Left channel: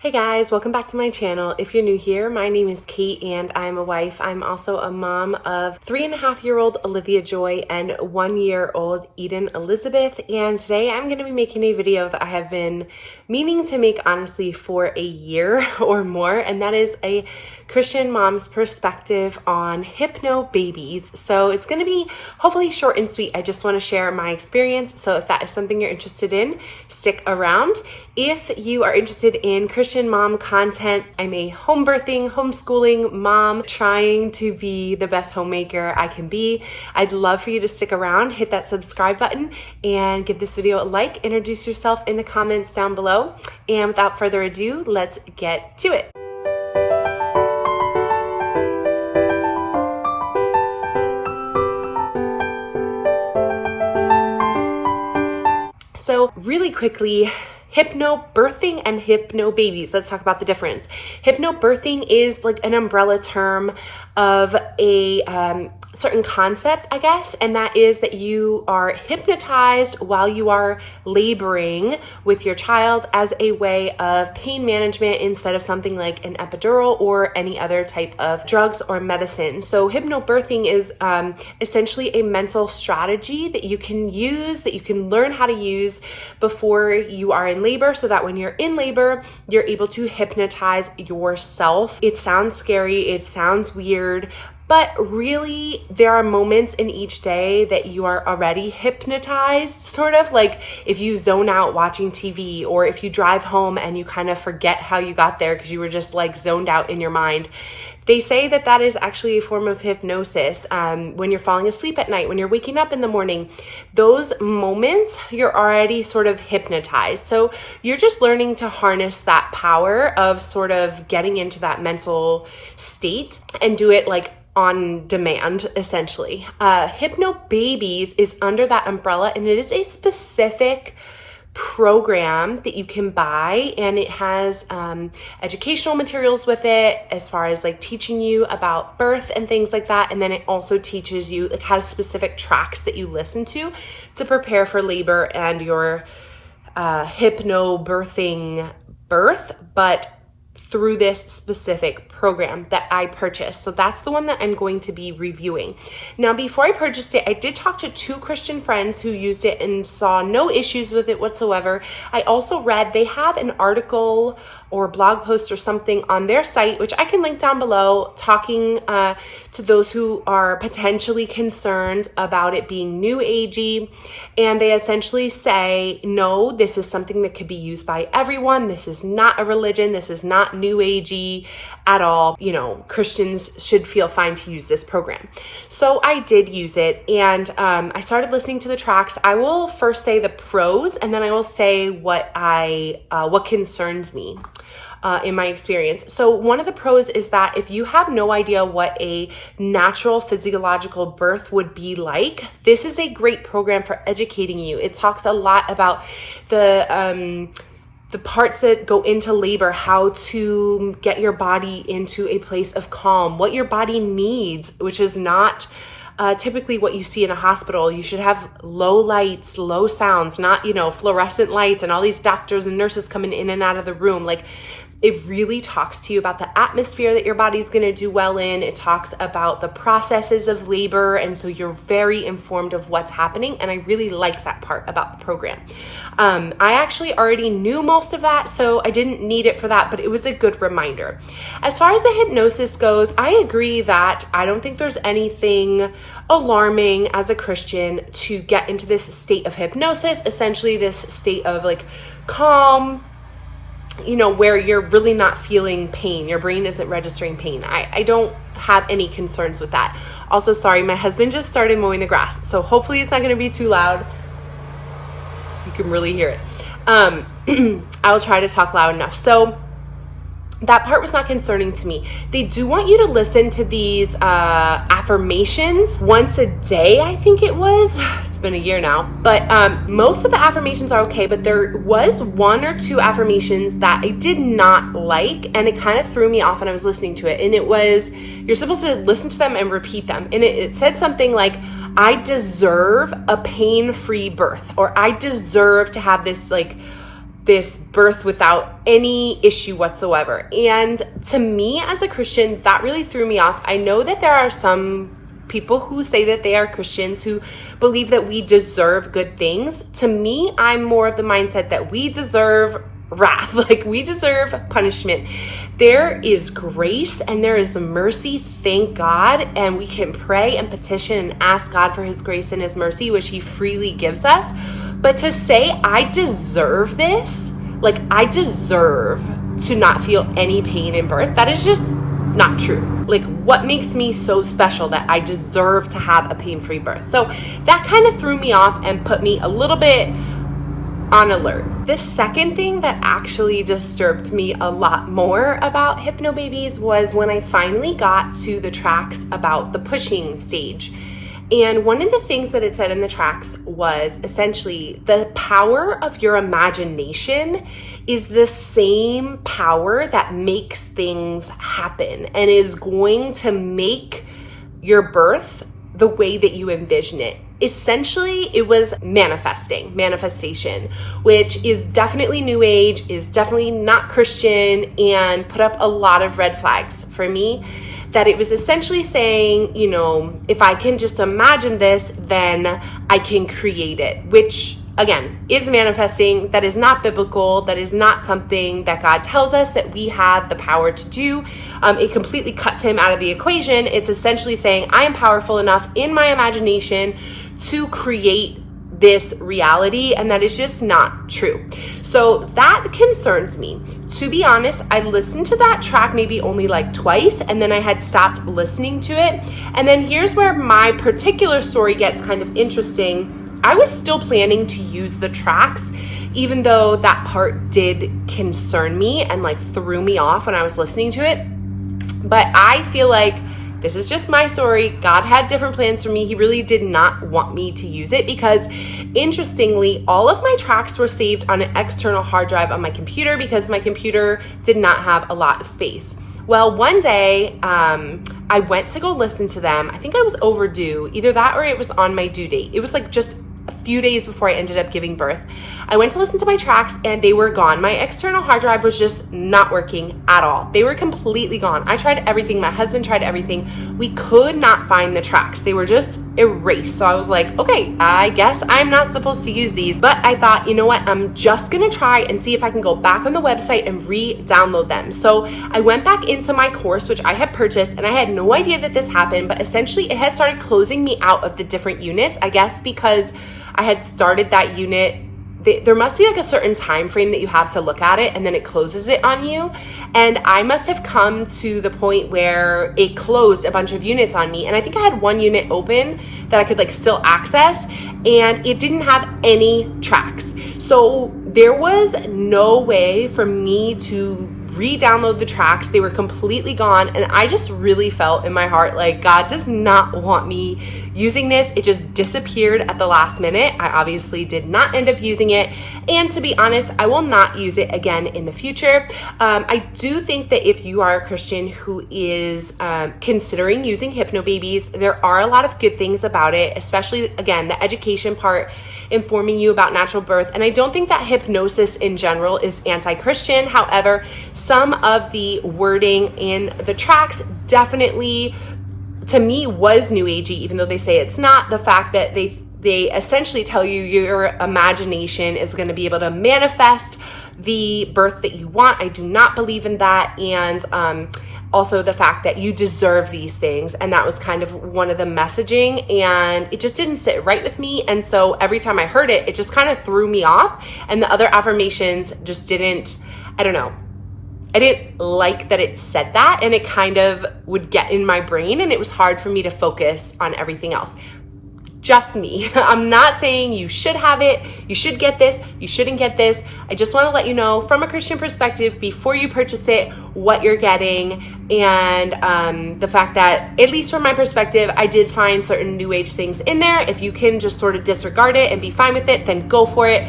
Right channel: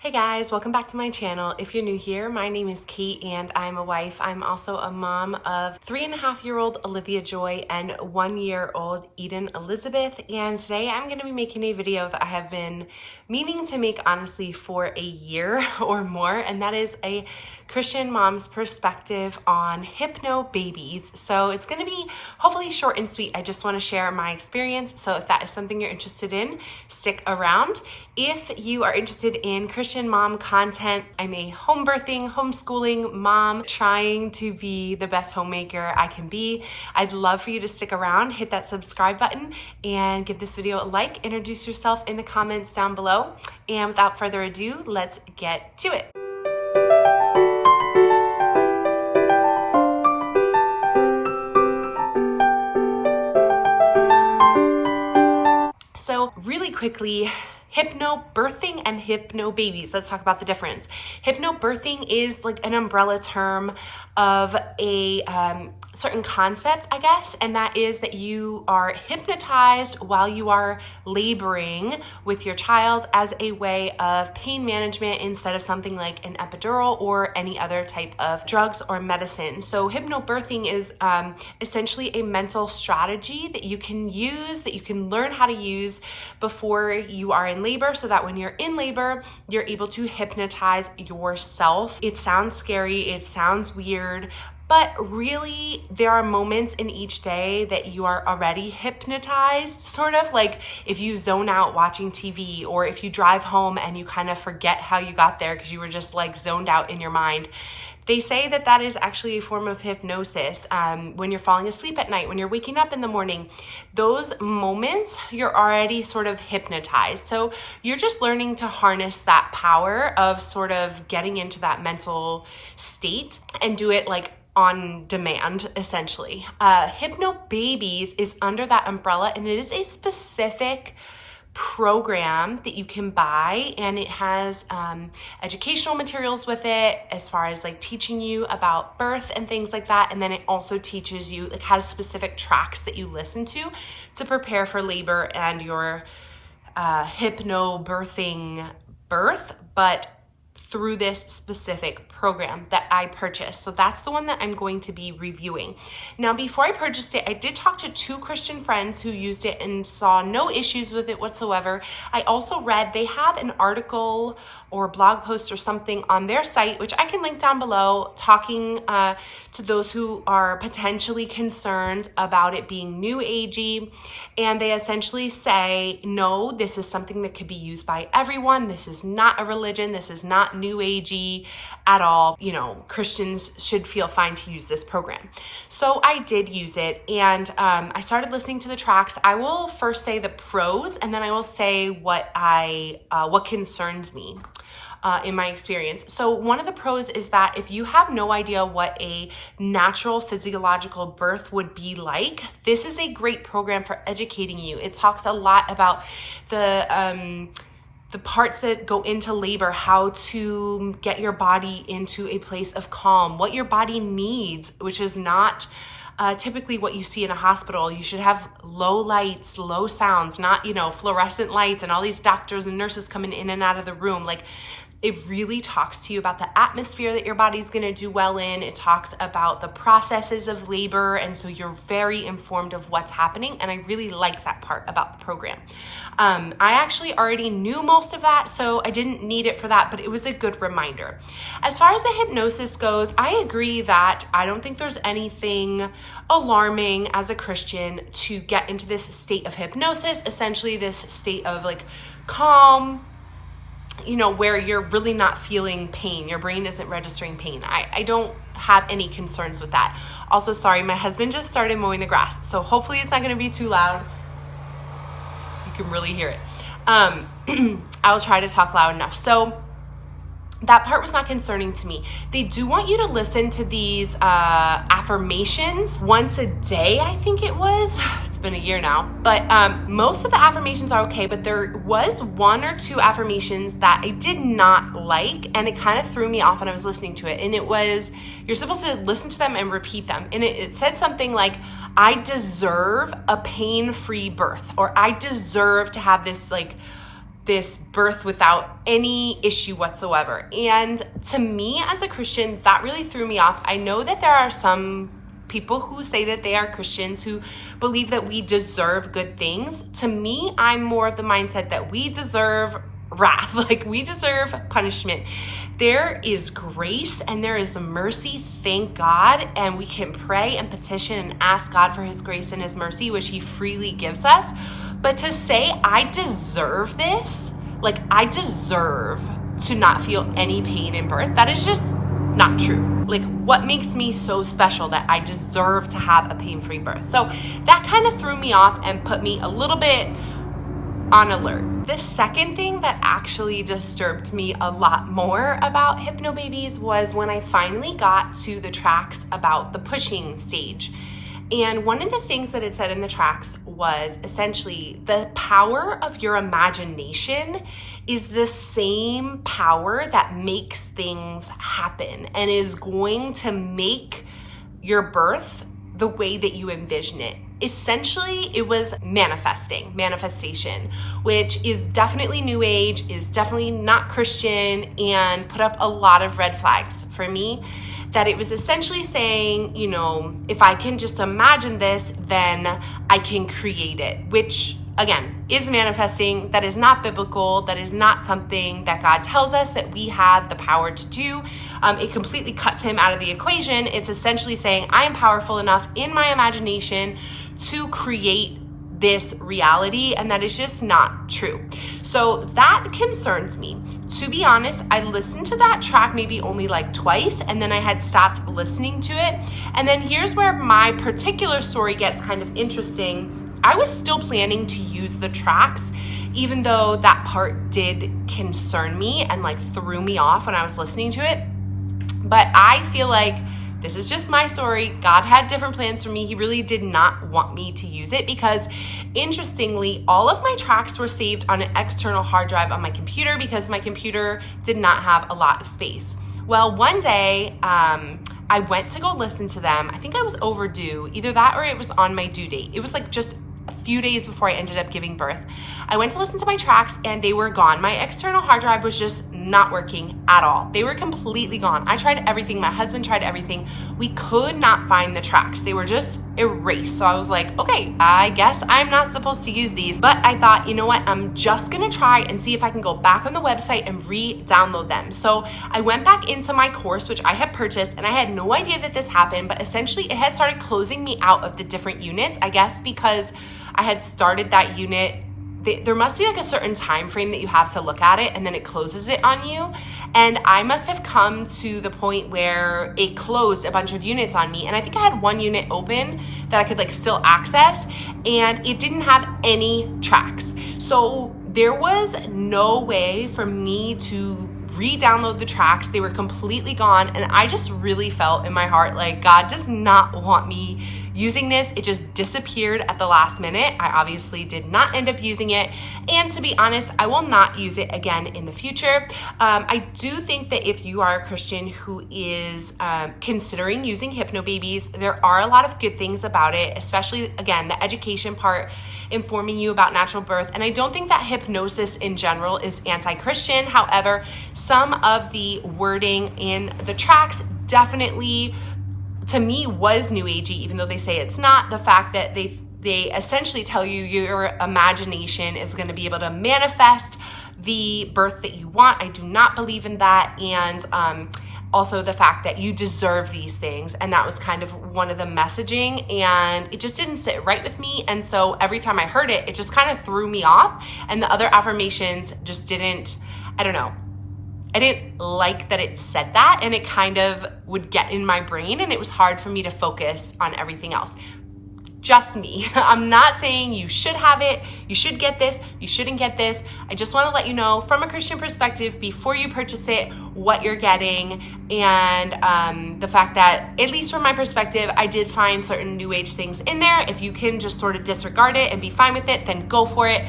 Hey guys, welcome back to my channel. If you're new here, my name is Kate and I'm a wife. I'm also a mom of 3.5-year-old Olivia Joy and 1-year-old Eden Elizabeth. And today I'm going to be making a video that I have been meaning to make honestly for a year or more, and that is a Christian mom's perspective on Hypnobabies. So it's going to be hopefully short and sweet. I just want to share my experience. So if that is something you're interested in, stick around. If you are interested in Christian mom content, I'm a home birthing, homeschooling mom trying to be the best homemaker I can be. I'd love for you to stick around, hit that subscribe button, and give this video a like. Introduce yourself in the comments down below. And without further ado, let's get to it. So really quickly, hypnobirthing and hypnobabies. Let's talk about the difference. Hypnobirthing is like an umbrella term of a certain concept, I guess, and that is that you are hypnotized while you are laboring with your child as a way of pain management instead of something like an epidural or any other type of drugs or medicine. So hypnobirthing is essentially a mental strategy that you can use, that you can learn how to use before you are in labor, so that when you're in labor, you're able to hypnotize yourself. It sounds scary, it sounds weird, but really, there are moments in each day that you are already hypnotized, sort of like if you zone out watching TV, or if you drive home and you kind of forget how you got there because you were just like zoned out in your mind. They say that that is actually a form of hypnosis. When you're falling asleep at night, when you're waking up in the morning, those moments you're already sort of hypnotized. So you're just learning to harness that power of sort of getting into that mental state and do it like on demand, essentially. Hypnobabies is under that umbrella, and it is a specific program that you can buy, and it has educational materials with it as far as like teaching you about birth and things like that. And then it also teaches you, it has specific tracks that you listen to prepare for labor and your hypnobirthing birth, but through this specific program that I purchased. So that's the one that I'm going to be reviewing. Now, before I purchased it, I did talk to 2 Christian friends who used it and saw no issues with it whatsoever. I also read they have an article or blog post or something on their site, which I can link down below, talking to those who are potentially concerned about it being new agey. And they essentially say, no, this is something that could be used by everyone. This is not a religion. This is not new agey at all. You know, Christians should feel fine to use this program. So I did use it, and I started listening to the tracks. I will first say the pros, and then I will say what concerns me in my experience. So one of the pros is that if you have no idea what a natural physiological birth would be like, this is a great program for educating you. It talks a lot about the parts that go into labor, how to get your body into a place of calm, what your body needs, which is not typically what you see in a hospital. You should have low lights, low sounds, not, fluorescent lights and all these doctors and nurses coming in and out of the room. Like, it really talks to you about the atmosphere that your body's going to do well in. It talks about the processes of labor, and so you're very informed of what's happening, and I really like that part about the program. I actually already knew most of that, so I didn't need it for that, but it was a good reminder. As far as the hypnosis goes, I agree that I don't think there's anything alarming as a Christian to get into this state of hypnosis, essentially this state of like calm, where you're really not feeling pain. Your brain isn't registering pain. I don't have any concerns with that. Also, sorry, my husband just started mowing the grass, so hopefully it's not going to be too loud. You can really hear it. I'll try to talk loud enough. So that part was not concerning to me. They do want you to listen to these affirmations once a day, I think it was. It's been a year now, but most of the affirmations are okay, but there was 1 or 2 affirmations that I did not like, and it kind of threw me off when I was listening to it. And it was, you're supposed to listen to them and repeat them. And it said something like, I deserve a pain-free birth, or I deserve to have this like this birth without any issue whatsoever. And to me as a Christian, that really threw me off. I know that there are some people who say that they are Christians who believe that we deserve good things. To me, I'm more of the mindset that we deserve wrath, like we deserve punishment. There is grace and there is mercy, thank God, and we can pray and petition and ask God for his grace and his mercy, which he freely gives us. But to say I deserve this, like I deserve to not feel any pain in birth, that is just not true. Like, what makes me so special that I deserve to have a pain-free birth? So that kind of threw me off and put me a little bit on alert. The second thing that actually disturbed me a lot more about Hypnobabies was when I finally got to the tracks about the pushing stage. And one of the things that it said in the tracks was essentially the power of your imagination is the same power that makes things happen and is going to make your birth the way that you envision it. Essentially, it was manifestation, which is definitely new age, is definitely not Christian, and put up a lot of red flags for me. That it was essentially saying, you know, if I can just imagine this, then I can create it, which again is manifesting. That is not biblical. That is not something that God tells us that we have the power to do. It completely cuts him out of the equation. It's essentially saying I am powerful enough in my imagination to create this reality, and that is just not true. So that concerns me. To be honest, I listened to that track maybe only like twice, and then I had stopped listening to it. And then here's where my particular story gets kind of interesting. I was still planning to use the tracks, even though that part did concern me and like threw me off when I was listening to it. But I feel like this is just my story. God had different plans for me. He really did not want me to use it because, interestingly, all of my tracks were saved on an external hard drive on my computer because my computer did not have a lot of space. Well, one day, I went to go listen to them. I think I was overdue, either that or it was on my due date. It was like just a few days before I ended up giving birth. I went to listen to my tracks and they were gone. My external hard drive was just not working at all. They were completely gone. I tried everything. My husband tried everything. We could not find the tracks. They were just erased. So I was like, okay, I guess I'm not supposed to use these. But I thought, you know what? I'm just going to try and see if I can go back on the website and re-download them. So I went back into my course, which I had purchased, and I had no idea that this happened, but essentially it had started closing me out of the different units, I guess because I had started that unit. There must be like a certain time frame that you have to look at it and then it closes it on you. And I must have come to the point where it closed a bunch of units on me. And I think I had one unit open that I could like still access, and it didn't have any tracks. So there was no way for me to re-download the tracks. They were completely gone, and I just really felt in my heart like God does not want me using this. It just disappeared at the last minute. I obviously did not end up using it, and to be honest, I will not use it again in the future. I do think that if you are a Christian who is considering using Hypnobabies, there are a lot of good things about it, especially again the education part, informing you about natural birth. And I don't think that hypnosis in general is anti-Christian. However, some of the wording in the tracks definitely, to me, was new agey, even though they say it's not. The fact that they essentially tell you your imagination is going to be able to manifest the birth that you want. I do not believe in that. And also the fact that you deserve these things. And that was kind of one of the messaging, and it just didn't sit right with me. And so every time I heard it, it just kind of threw me off. And the other affirmations just didn't, I don't know. I didn't like that it said that, and it kind of would get in my brain, and it was hard for me to focus on everything else. Just me. I'm not saying you should have it, you should get this, you shouldn't get this. I just want to let you know from a Christian perspective before you purchase it what you're getting, and the fact that, at least from my perspective, I did find certain new age things in there. If you can just sort of disregard it and be fine with it, then go for it.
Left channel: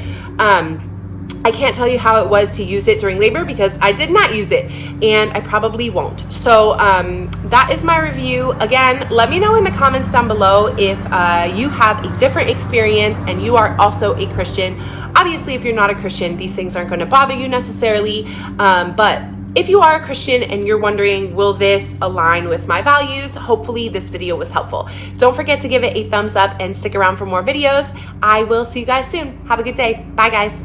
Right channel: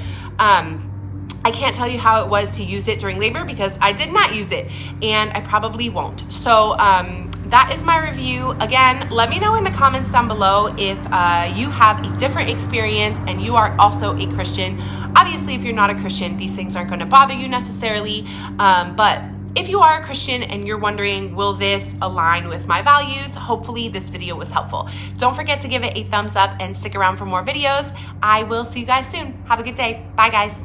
I can't tell you how it was to use it during labor because I did not use it and I probably won't. So that is my review. Again, let me know in the comments down below if you have a different experience and you are also a Christian. Obviously, if you're not a Christian, these things aren't going to bother you necessarily, but if you are a Christian and you're wondering, will this align with my values? Hopefully this video was helpful. Don't forget to give it a thumbs up and stick around for more videos. I will see you guys soon. Have a good day. Bye, guys.